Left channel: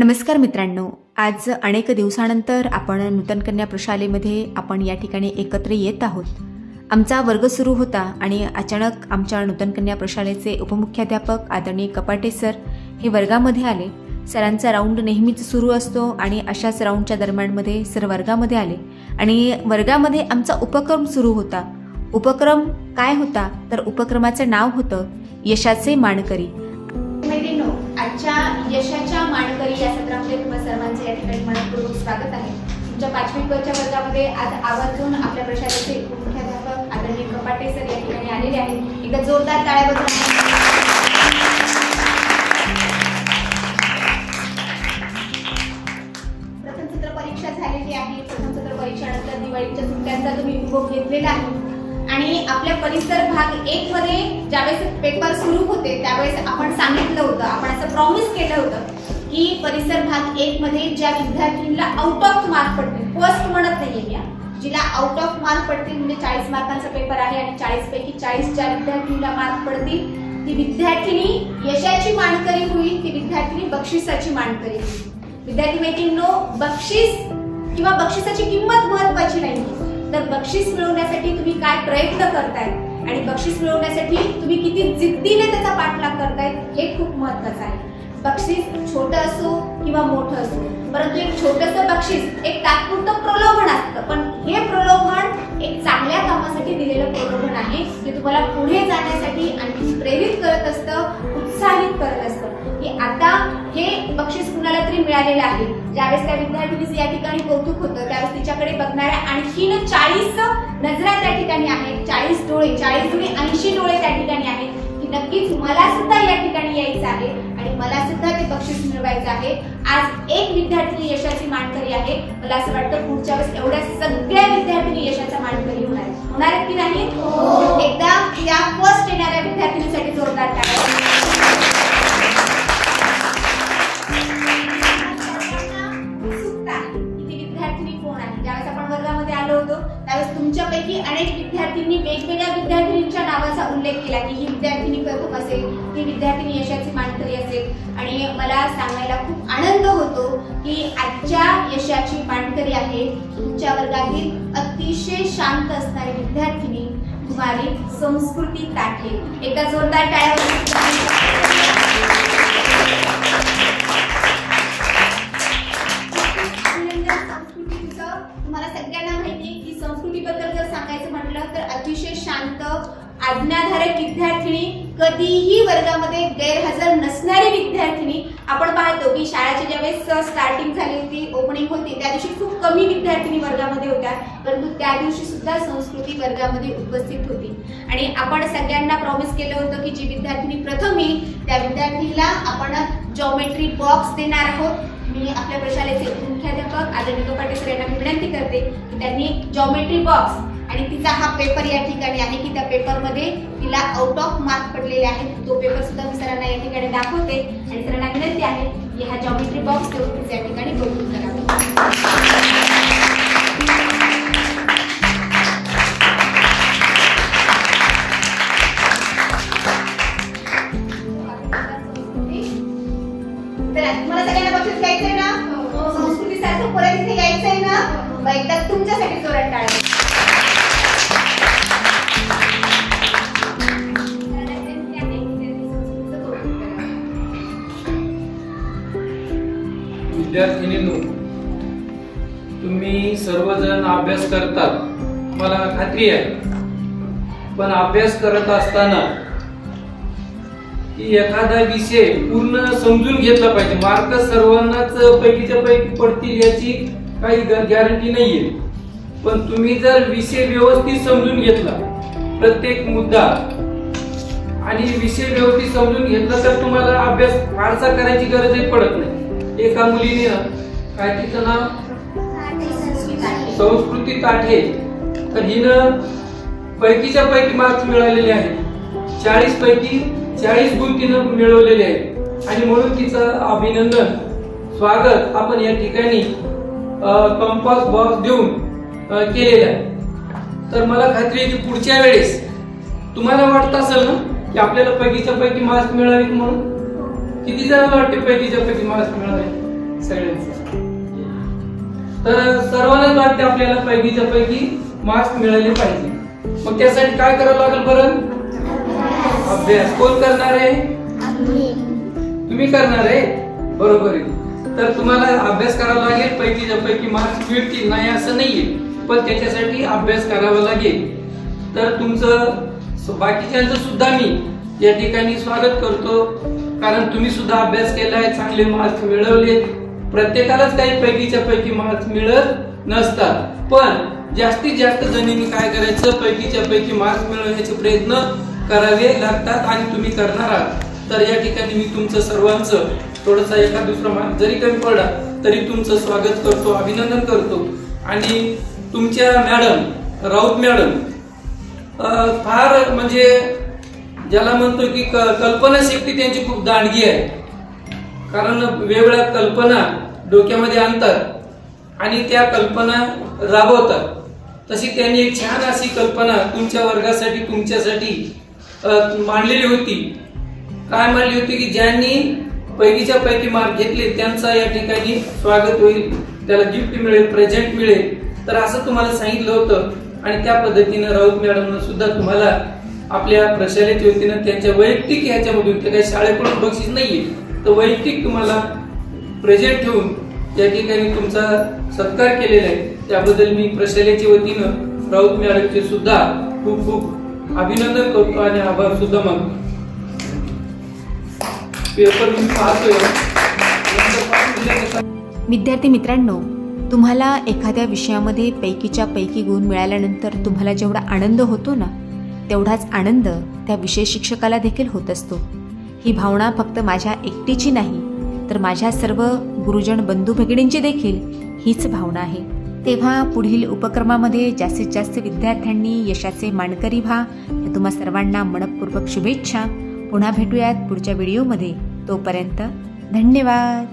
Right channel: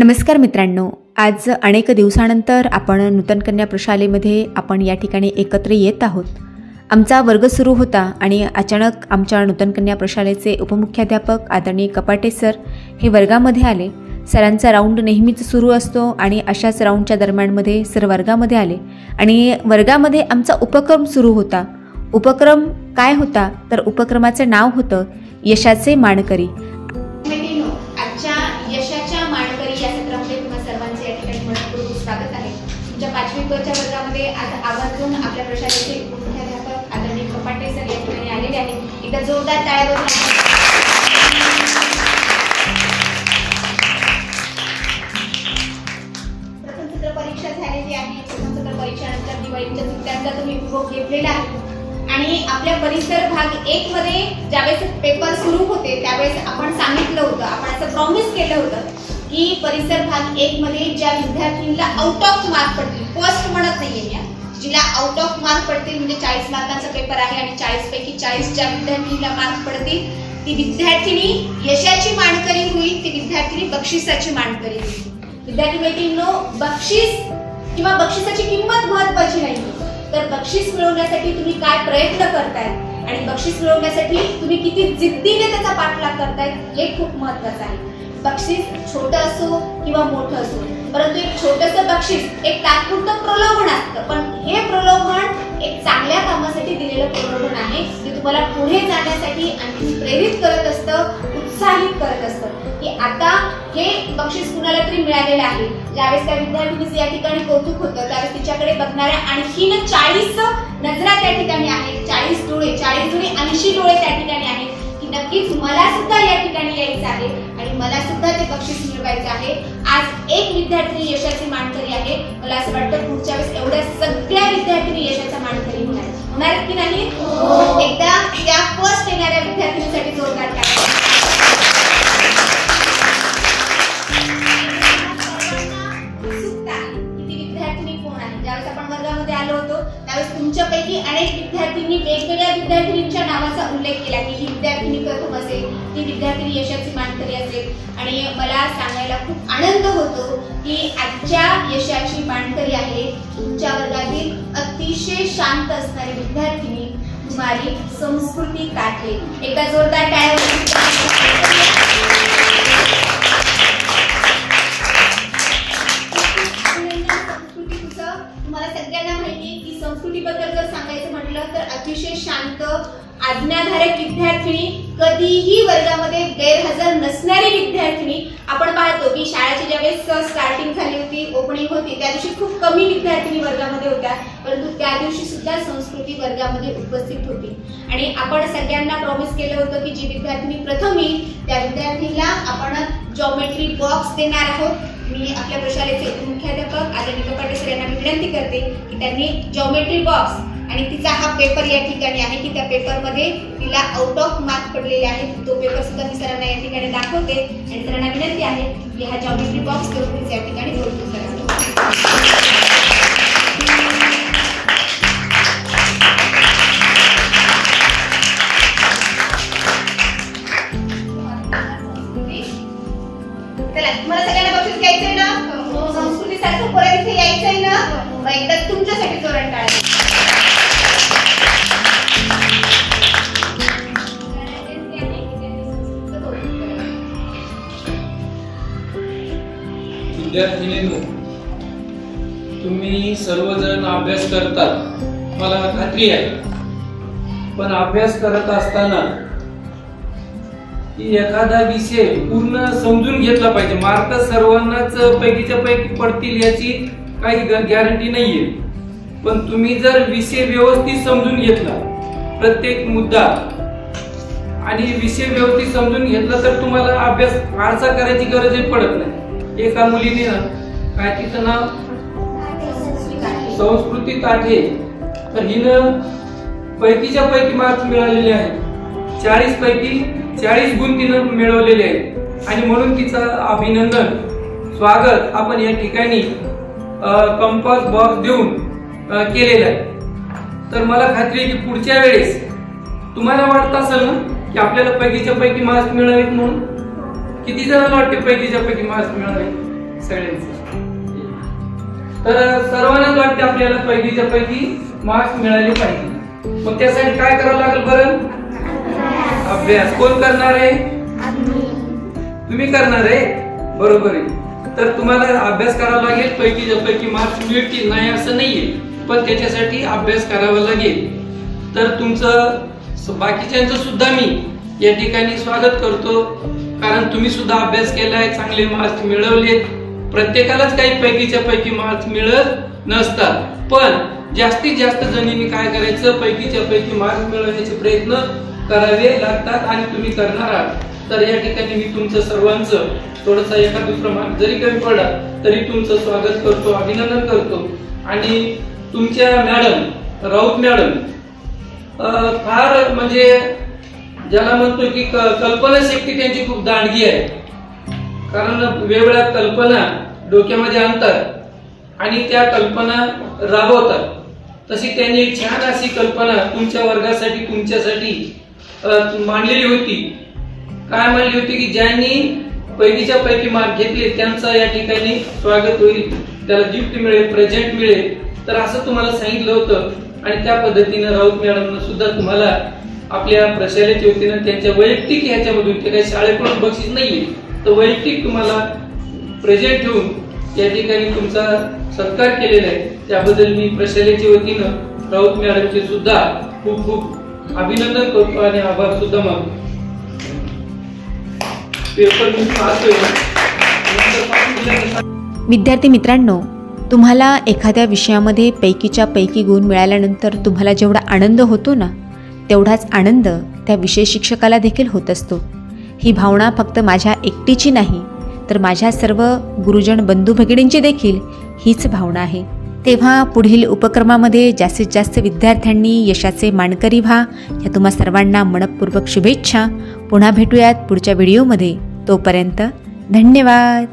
नमस्कार मित्रांनो, आज अनेक दिवसानंतर आपण नूतन कन्या प्रशालेमध्ये आपण या ठिकाणी एकत्र येत आहोत। आमचा वर्ग सुरू होता आणि अचानक आमच्या नूतन कन्या प्रशालेचे उपमुख्याध्यापक आदरणीय कपाटे सर हे वर्गामध्ये आले। सरांचा राऊंड नेहमीच सुरू असतो आणि अशाच राऊंडच्या दरम्यानमध्ये सर वर्गामध्ये आले आणि वर्गामध्ये आमचा उपक्रम सुरू होता। उपक्रम काय होता तर उपक्रमाचं नाव होतं यशाचे मानकरी। आजच्या यशाच्या मानकरी या सत्रामध्ये तुम्हा सर्वांचे या ठिकाणी मनपूर्वक स्वागत आहे। तुमच्या 5वी क च्या वर्गामध्ये आज आवर्जून आपल्या प्रशालेचे उपमुख्याध्यापक आदरणीय कपाटे सर या ठिकाणी आलेले आहेत। एकदा जोरदार टाळ्या वाजवा। प्रथम सत्र परीक्षा झालेली आहे। प्रथम सत्र परीक्षानंतर दिवाळीच्या सुट्ट्यांचा तुम्ही उपभोग घेतलेला आहे आणि आपल्या परिसर भाग 1 मध्ये ज्यावेळेस पेपर सुरू होते त्यावेळेस आपण सांगितलं होतं, आपण असं प्रॉमिस केलं होतं की परिसर भाग 1 मध्ये ज्या विद्यार्थ्यांना आउट ऑफ मार्क पडतील, फर्स्ट म्हणत नाहीये या, जिला आउट ऑफ मार्क पडतील म्हणजे 40 मार्कांचा पेपर आहे आणि 40 पैकी 40 ज्या विद्यार्थ्यांना मार्क पडतील ती विद्यार्थिनी यशाची मानकरी होईल, ती विद्यार्थिनी बक्षिसाची मानकरी होईल। विद्यार्थी मैत्रिणींनो, बक्षीस किंवा बक्षिसाची किंमत महत्त्वाची नाही, तर बक्षीस मिळवण्यासाठी तुम्ही काय प्रयत्न करताय आणि बक्षीस मिळवण्यासाठी तुम्ही किती जिद्दीने त्याचा पाठलाग करताय हे खूप महत्त्वाचं आहे। बक्षीस छोटं असो किंवा मोठं असो, परंतु एक छोटंसं बक्षीस एक तात्पुरतं प्रलोभन असतं, पण हे प्रलोभन एक चांगल्या कामासाठी दिलेलं प्रलोभन आहे जे तुम्हाला पुढे जाण्यासाठी आणखी प्रेरित करत असतं, उत्साहित करत असतं की आता हे बक्षीस कुणाला तरी मिळालेलं आहे। ज्यावेळेस त्या विद्यार्थिनीचे या ठिकाणी कौतुक होतं त्यावेळेस तिच्याकडे बघणाऱ्या आणखीन 40 नजरा त्या ठिकाणी आहेत, 40 डोळे 80 डोळे त्या ठिकाणी आहेत की नक्कीच मला सुद्धा या ठिकाणी यायचं आहे आणि मला सुद्धा ते बक्षीस मिळवायचं आहे। आज एक विद्यार्थिनी यशाची मानकरी आहे, मला असं वाटतं पुढच्या वेळेस एवढ्या सगळ्या विद्यार्थिनी यशाच्या मानकरी होणार की नाही? एकदा त्या फर्स्ट येणाऱ्या विद्यार्थिनीसाठी जोरदार टाळ्या। वर्गामध्ये आलो होतो त्यावेळेस तुमच्यापैकी अनेक विद्यार्थ्यांनी वेगवेगळ्या विद्यार्थिनींच्या नावाचा उल्लेख केला की ही विद्यार्थिनी प्रथम असेल, ही विद्यार्थिनी यशाची मानकरी असेल आणि मला सांगायला खूप आनंद होतो की आजच्या यशाची मानकरी आहे तुमच्या वर्गातील अतिशय शांत असणारी विद्यार्थिनी कुमारी संस्कृती ताठे। एकदा जोरदार टाळ्या। तुम्हाला सगळ्यांना माहिती आहे की संस्कृतीबद्दल जर सांगायचं म्हटलं तर अतिशय शांत आज्ञाधारक विद्यार्थिनी, कधीही वर्गामध्ये गैरहजर नसणारी विद्यार्थिनी। आपण पाहतो की शाळेची ज्यावेळेस स्टार्टिंग झाली होती, ओपनिंग होती, त्या दिवशी खूप कमी विद्यार्थिनी वर्गामध्ये होत्या, परंतु त्या दिवशी सुद्धा संस्कृती वर्गामध्ये उपस्थित होती आणि आपण सगळ्यांना प्रॉमिस केलं होतं की जी विद्यार्थिनी प्रथम येईल त्या विद्यार्थिनीला आपण जॉमेट्री बॉक्स देणार आहोत। मी आपल्या प्रशालेचे मुख्याध्यापक आदरणीय कपाटे सर यांना विनंती करते की त्यांनी जॉमेट्री बॉक्स आणि तिचा हा पेपर या ठिकाणी आहे की त्या पेपरमध्ये तिला आउट ऑफ मार्क पडलेले आहेत, तो पेपर सुद्धा मी सरांना या ठिकाणी दाखवते आणि सरांना विनंती आहे की हा जॉमेट्री बॉक्स देऊन तिचे या ठिकाणी कौतुक करावे। मला सगळ्यांना बक्षीस घ्यायचंय ना? संस्कृती सारखं परत इथे यायचंय ना? एकदा तुमच्यासाठी जोरात टाळ्या। विद्यार्थिनींनो, तुम्ही सर्वजण अभ्यास करतात मला खात्री आहे, पण अभ्यास करत असताना एखादा विषय पूर्ण समजून घेतला पाहिजे। मार्क सर्वांनाच पैकीच्या पैकी पडतील याची काही गॅरंटी नाहीये, पण तुम्ही जर विषय व्यवस्थित समजून घेतला, प्रत्येक मुद्दा आणि विषय व्यवस्थित समजून घेतला तर तुम्हाला अभ्यास फारसा करायची गरजही पडत नाही। एका मुलीने काय तिचं नाव संस्कृती ताठे, तर हिनं पैकीच्या पैकी मार्क्स मिळालेले आहेत, 40 पैकी 40 गुण तिनं मिळवलेले आहेत आणि म्हणून तिचं अभिनंदन, स्वागत आपण या ठिकाणी कंपास बॉक्स देऊन केलेलं आहे। तर मला खात्री आहे की पुढच्या वेळेस तुम्हाला वाटत असेल ना की आपल्याला पैकीच्या पैकी मार्क्स मिळावेत म्हणून, किती जणांना वाटते पैकीच्या पैकी मार्क्स मिळावे? सगळ्यांचं. तर सर्वांनाच वाटते आपल्याला पैकीच्या पैकी मार्क्स मिळाले पाहिजे. मग त्यासाठी काय करावं लागेल बरं? अभ्यास. कोण करणार आहे? तुम्ही करणार आहे, बरोबर आहे. तर तुम्हाला अभ्यास करावा लागेल. पैकीच्या पैकी मार्क्स मिळतील नाही असं नाहीये, पण त्याच्यासाठी अभ्यास करावा लागेल. तर तुमचं बाकीच्यांचं सुद्धा मी या ठिकाणी स्वागत करतो, कारण तुम्ही सुद्धा अभ्यास केलाय, चांगले मार्क्स मिळवलेत. प्रत्येकालाच काही पैकीच्या पैकी मार्क्स मिळत नसतात, पण जास्तीत जास्त जणींनी काय करायचं, पैकीच्या पैकी मार्क्स मिळवण्याचे प्रयत्न करावे लागतात आणि तुम्ही करणार आहात. तर या ठिकाणी मी तुमचं सर्वांचं थोडंसं एका दुसरा मार्क जरी कमी पडला तरी तुमचं स्वागत करतो, अभिनंदन करतो. आणि तुमच्या मॅडम राऊत मॅडम फार म्हणजे ज्याला म्हणतो की कल्पनाशक्ती त्यांची खूप दांडगी आहे, कारण वेगवेगळ्या कल्पना डोक्यामध्ये आणतात आणि त्या कल्पना राबवतात. तशी त्यांनी एक छान अशी कल्पना तुमच्या वर्गासाठी तुमच्यासाठी मांडलेली होती. काय मांडली होती की ज्यांनी पैकीच्या पैकी मार्क घेतले त्यांचा या ठिकाणी स्वागत होईल, त्याला गिफ्ट मिळेल, प्रेझेंट मिळेल. तर असं तुम्हाला सांगितलं होतं आणि त्या पद्धतीनं राऊत मॅडमनं सुद्धा तुम्हाला आपल्या प्रशालेच्या वतीनं त्यांच्या वैयक्तिक ह्याच्यामधून, ते काही शाळेकडून बक्षीस नाहीये, तर वैयक्तिक तुम्हाला प्रेझेंट ठेवून या ठिकाणी तुमचा सत्कार केलेला आहे. त्याबद्दल मी प्रशालेच्या वतीनं राऊत मॅडमचे सुद्धा खूप खूप अभिनंदन करतो आणि आभार सुद्धा मानतो. पेपर मी पाहतोय. विद्यार्थी मित्रांनो, तुम्हाला एखाद्या विषयामध्ये पैकीच्या पैकी गुण मिळाल्यानंतर तुम्हाला जेवढा आनंद होतो ना, तेवढाच आनंद त्या विषय शिक्षकाला देखील होत असतो. ही भावना फक्त माझ्या एकटीची नाही, तर माझ्या सर्व गुरुजन बंधू भगिनींची देखील हीच भावना आहे. तेव्हा पुढील उपक्रमामध्ये जास्तीत जास्त विद्यार्थ्यांनी यशाचे मानकरी व्हा, या तुम्हा सर्वांना मनपूर्वक शुभेच्छा. पुन्हा भेटूयात पुढच्या व्हिडिओमध्ये. तोपर्यंत धन्यवाद.